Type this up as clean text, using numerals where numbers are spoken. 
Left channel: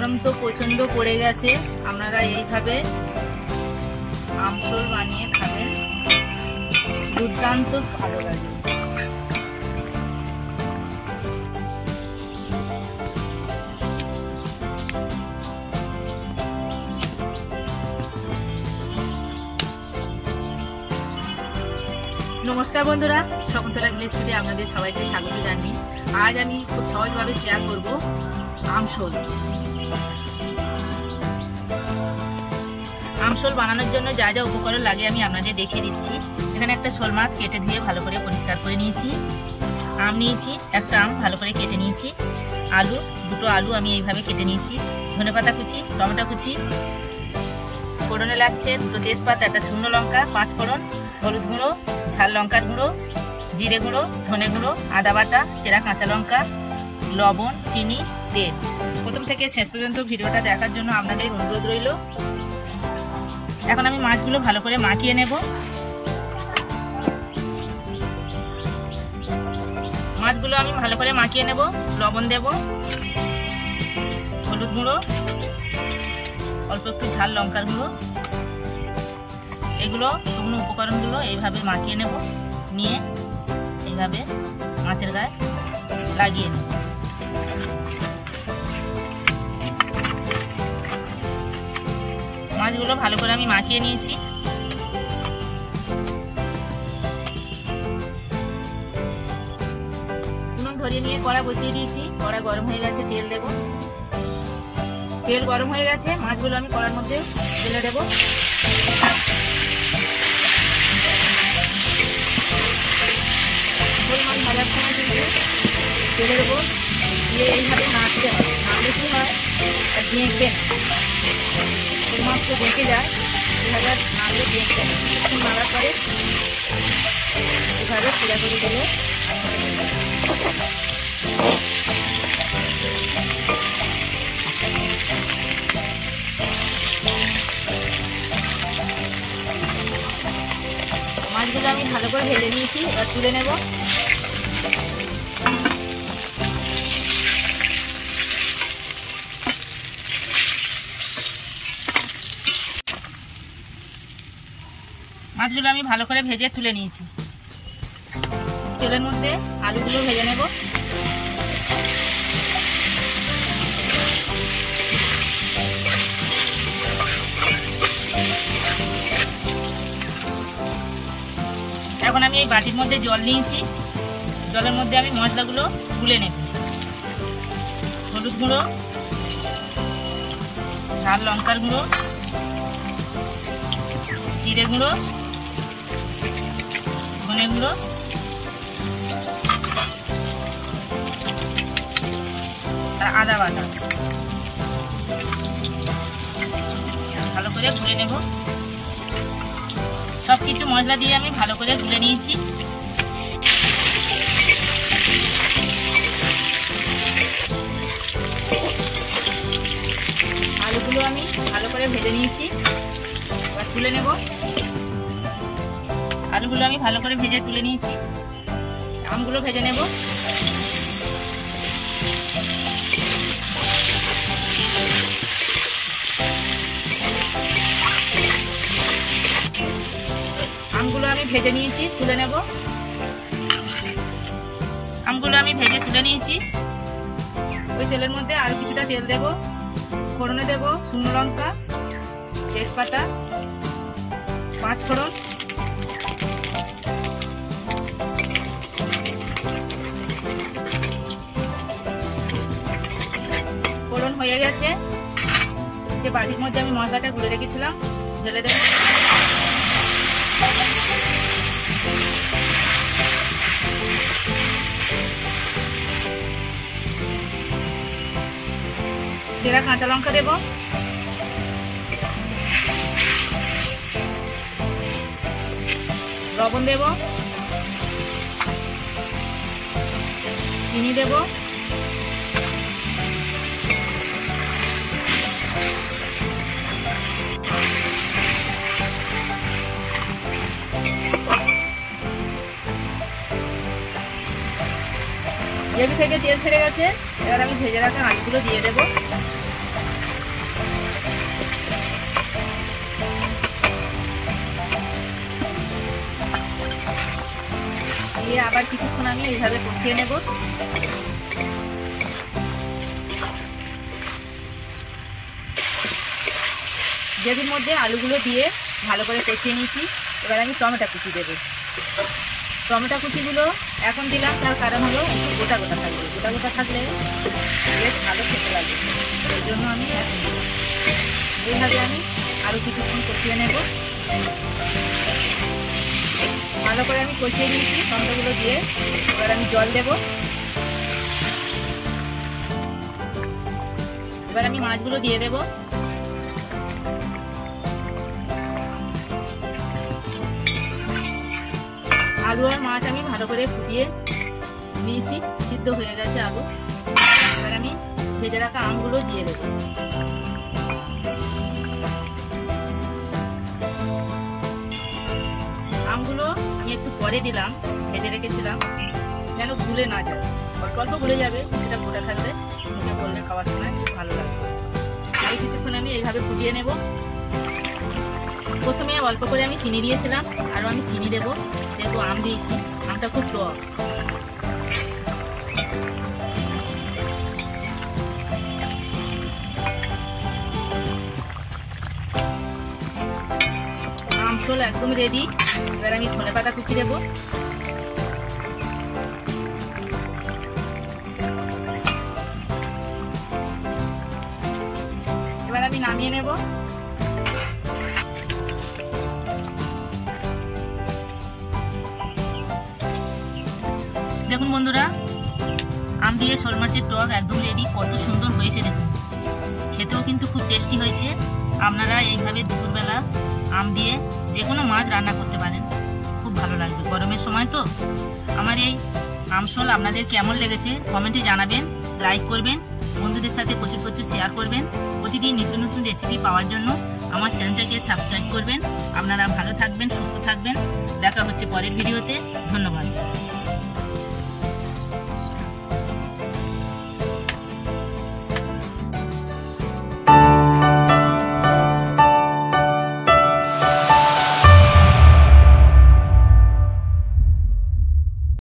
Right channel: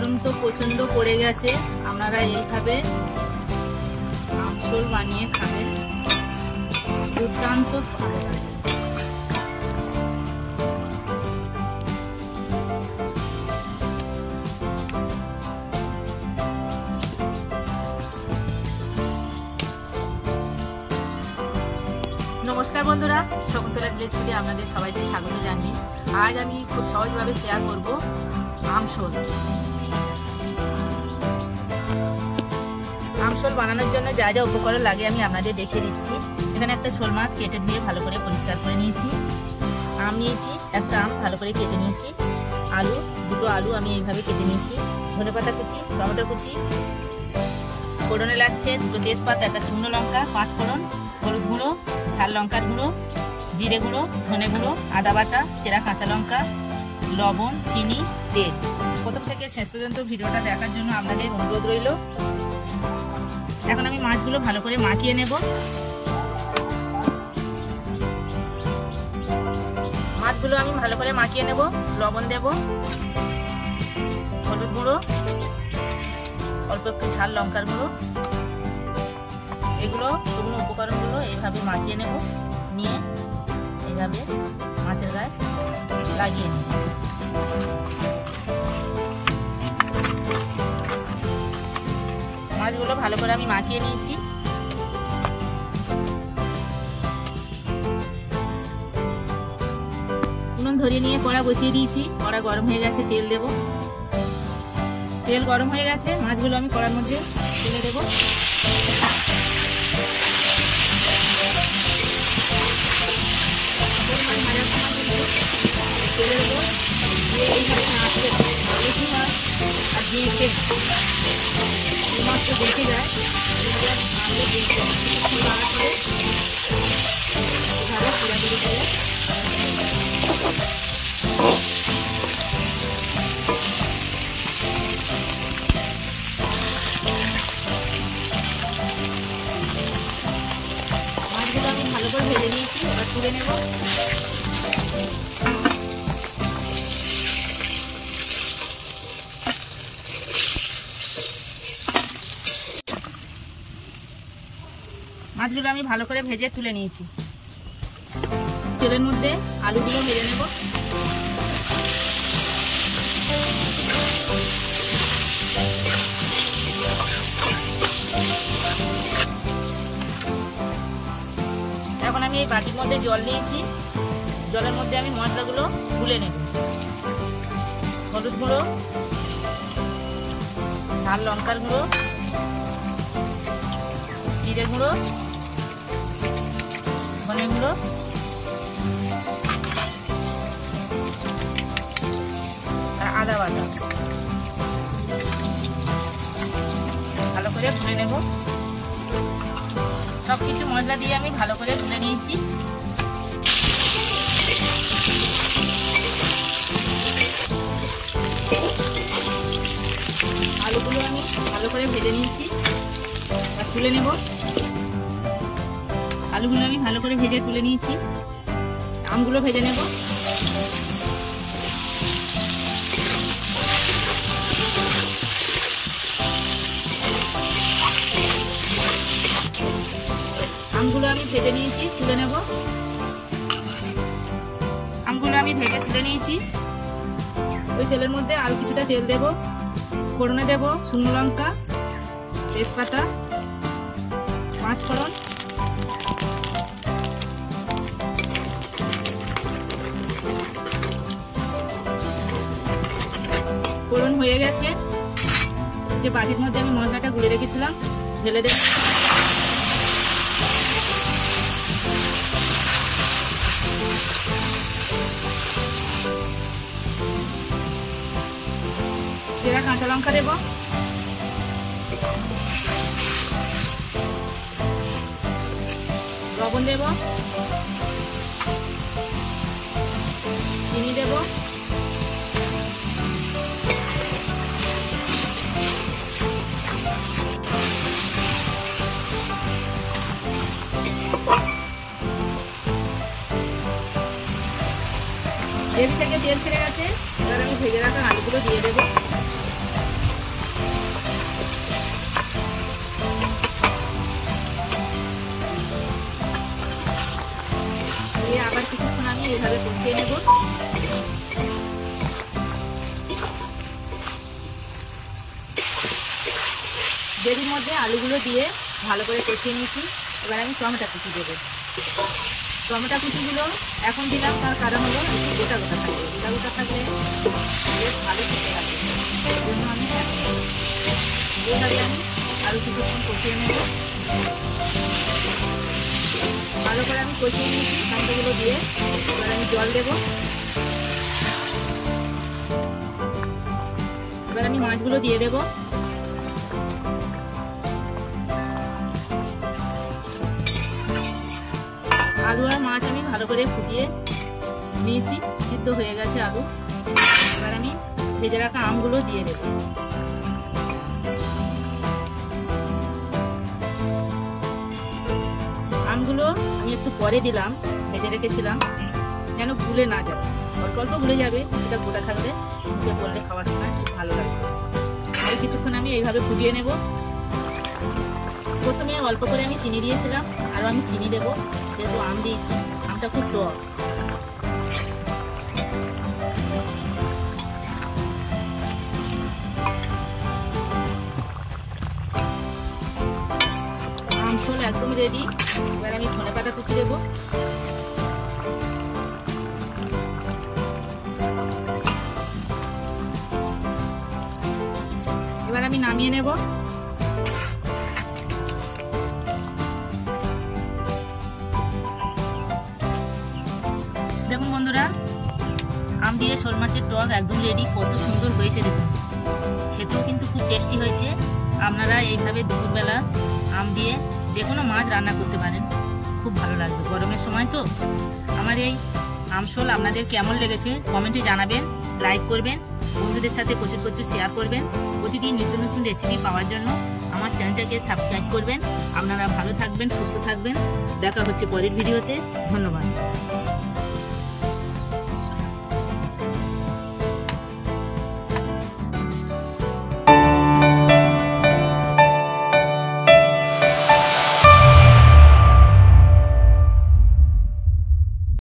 গরম তো প্রচন্ড পড়ে গেছে, আপনারা এইভাবে আমসল বানিয়ে খাবেন, দুর্দান্ত ভালো লাগে। নমস্কার বন্ধুরা, শকুন্তলা ভিলেজ থেকে আপনাদের সবাইকে স্বাগত জানাই। আজ আমি খুব সহজভাবে শেয়ার করব আমসল। আমসল বানানোর জন্য যা যা উপকরণ লাগে আমি আপনাদের দেখিয়ে দিচ্ছি। এখানে একটা শোল মাছ কেটে ধুয়ে ভালো করে পরিষ্কার করে নিয়েছি। আম নিয়েছি, একটা আম ভালো করে কেটে নিয়েছি। আলু, দুটো আলু আমি এইভাবে কেটে নিয়েছি। ধনেপাতা কুচি, টমেটো কুচি, ফোড়নে লাগছে দুটো তেজপাতা, একটা শুকনো লঙ্কা, 5 ফোড়ন, হলুদ গুঁড়ো, ঝাল লঙ্কার গুঁড়ো, জিরে গুঁড়ো, ধনে গুঁড়ো, আদা বাটা, চেরা কাঁচা লঙ্কা, লবণ, চিনি, তেল। প্রথম থেকে শেষ পর্যন্ত ভিডিওটা দেখার জন্য আপনাদের অনুরোধ রইল। এখন আমি মাছগুলো ভালো করে মাখিয়ে নেব। মাছগুলো আমি ভালো করে মাখিয়ে নেব। লবণ দেব, হলুদ গুঁড়ো, অল্প একটু ঝাল লঙ্কার গুঁড়ো, এগুলো শুকনো উপকরণগুলো এইভাবে মাখিয়ে নেব। নিয়ে এইভাবে মাছের গায়ে লাগিয়ে নেব। মাছগুলো ভালো করে আমি মাখিয়ে নিয়েছি। উনুন ধরিয়ে নিয়ে কড়া বসিয়ে দিয়েছি। কড়া গরম হয়ে গেছে, তেল দেব। তেল গরম হয়ে গেছে, মাছগুলো আমি কড়ার মধ্যে ঢেলে দেব। তেলে দেবো, দিয়ে এইভাবে নাড়তে হবে। নাড়লে কি হয়, আর দেখে মাছটা দেখে যায়, এইভাবে নাড়লে দেখতে হবে। নাড়ার পরে এইভাবে পোড়াপুরি করে মাছগুলো আমি ভালো করে ভেজে নিয়েছি। এবার তুলে নেব। মাছগুলো আমি ভালো করে ভেজে তুলে নিয়েছি। তেলের মধ্যে আলুগুলো ভেজে নেব। এখন আমি এই বাটির মধ্যে জল নিয়েছি। জলের মধ্যে আমি মশলাগুলো গুলে নেব। হলুদ গুঁড়ো, ঝাল লঙ্কার গুঁড়ো, জিরে গুঁড়ো, ধনে গুঁড়ো, আর আদা বাটা ভালো করে গুলে নেব। সব কিছু মশলা দিয়ে আমি ভালো করে গুলে নিয়েছি। আলুগুলো আমি ভালো করে ভেজে নিয়েছি। এবার তুলে নেব। আলুগুলো আমি ভালো করে ভেজে তুলে নিয়েছি। আমগুলো ভেজে নেব। আমগুলো আমি ভেজে নিয়েছি, তুলে নেব। আমগুলো আমি ভেজে তুলে নিয়েছি। ওই তেলের মধ্যে আর কিছুটা তেল দেব। ফোড়নে দেব শুকনো লঙ্কা, তেজপাতা, 5 ফোড়ন, ফোড়ন হয়ে গেছে। যে বাটির মধ্যে আমি মশলাটা গুলে রেখেছিলাম ঢেলে দেব। চেরা কাঁচা লঙ্কা দেব। লবণ দেব, চিনি দেব, গ্রেভি থেকে তেল ছেড়ে গেছে। এবার আমি ভেজে রাখা আলুগুলো দিয়ে দেবো। এবার কিছুক্ষণ আমি এইভাবে কষিয়ে নেব। গ্রেভির মধ্যে আলুগুলো দিয়ে ভালো করে কষিয়ে নিয়েছি। এবার আমি টমেটো কুচি দেবো। টমেটো কুচিগুলো এখন দিলাম, তার কারণ হলো গোটা গোটা থাকবে। গোটা গোটা থাকলে বেশ ভালো খেতে লাগবে, এর জন্য আমি এইভাবে আমি আরও কিছুক্ষণ কষিয়ে নেব। ভালো করে আমি কষিয়ে নিয়েছি টমেটোগুলো দিয়ে। এবার আমি জল দেব। এবার আমি মাছগুলো দিয়ে দেব। আলু আর মাছ আমি ভালো করে ফুটিয়ে নিয়েছি, সিদ্ধ হয়ে গেছে আলু। এবার আমি ভেজে রাখা আমগুলো দিয়ে দেব। আমগুলো আমি একটু পরে দিলাম, ভেজে রেখেছিলাম যেন ভুলে না যায়। অল্প অল্প ভুলে যাবে, সেটা গোটা থাকলে মুখে বললে খাওয়ার সময় ভালো লাগবে। আর কিছুক্ষণ আমি এইভাবে ফুটিয়ে নেব। প্রথমে অল্প করে আমি চিনি দিয়েছিলাম, আরও আমি চিনি দেবো, যেহেতু আম দিয়েছি, আমটা খুব টক। আম ঝোল একদম রেডি। এবার আমি ধনেপাতা কুচি দেবো। এবার আমি নামিয়ে নেব। দেখুন বন্ধুরা, আম দিয়ে শোল মাছের টক একদম রেডি। কত সুন্দর হয়েছে দেখুন, খেতেও কিন্তু খুব টেস্টি হয়েছে। আপনারা এইভাবে দুপুরবেলা আম দিয়ে যে কোনো মাছ রান্না করতে পারেন, খুব ভালো লাগবে গরমের সময় তো। আমার এই আম শোল আপনাদের কেমন লেগেছে কমেন্টে জানাবেন, লাইক করবেন, বন্ধুদের সাথে প্রচুর প্রচুর শেয়ার করবেন। প্রতিদিন নিত্য নতুন রেসিপি পাওয়ার জন্য আমার চ্যানেলটাকে সাবস্ক্রাইব করবেন। আপনারা ভালো থাকবেন, সুস্থ থাকবেন। দেখা হচ্ছে পরের ভিডিওতে। ধন্যবাদ।